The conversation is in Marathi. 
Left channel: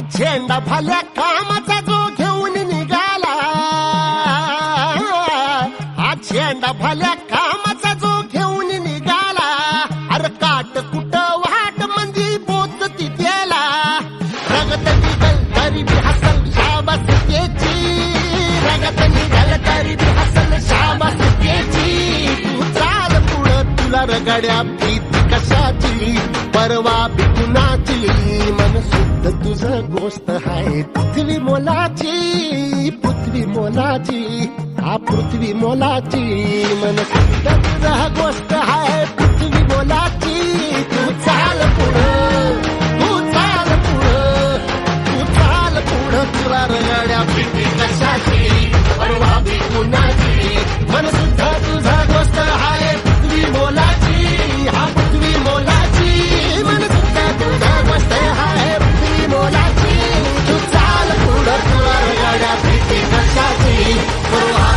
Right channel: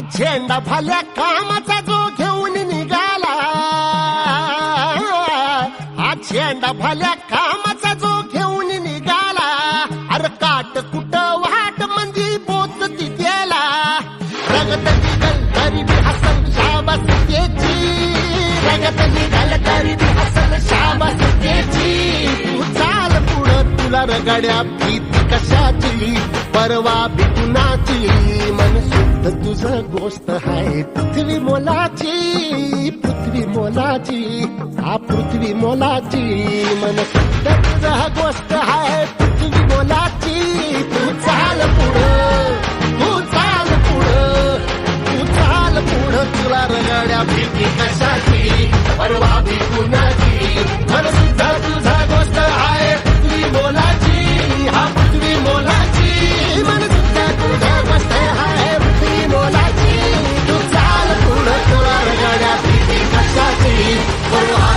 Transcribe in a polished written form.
झेंडा भल्या कामाचा जो घेऊन निघाला, हा झेंडा भल्या कामाचा जो घेऊन निघाला, अरे काट कुट वाट मंदी बोत तिथेला, रगत निघल तरी बी हसल शाबास त्याची, रगत निघल तरी बी हसल शाबास त्याची. तू चाल पुढं तुला रगड्या भीती कशाची, परवा बी कुणाची, मन शुद्ध तुझं गोष्ट आहे पृथ्वी मोलाची, पृथ्वी मोलाची, हा पृथ्वी मोलाची, मन शुद्ध तुझं गोष्ट आहे पृथ्वी मोलाची. तू चाल पुढं, तू चाल पुढं, तू चाल पुढं तुला रगड्या भीती कशाची, परवा बी कुणाची, मन शुद्ध तुझा गोष्ट आहे पृथ्वी मोलाची, हा पृथ्वी मोलाची, मन शुद्ध तुझा गोष्ट आहे पृथ्वी मोलाची. तू चाल पुढं तुला रगड्या भीती कशाची, परवा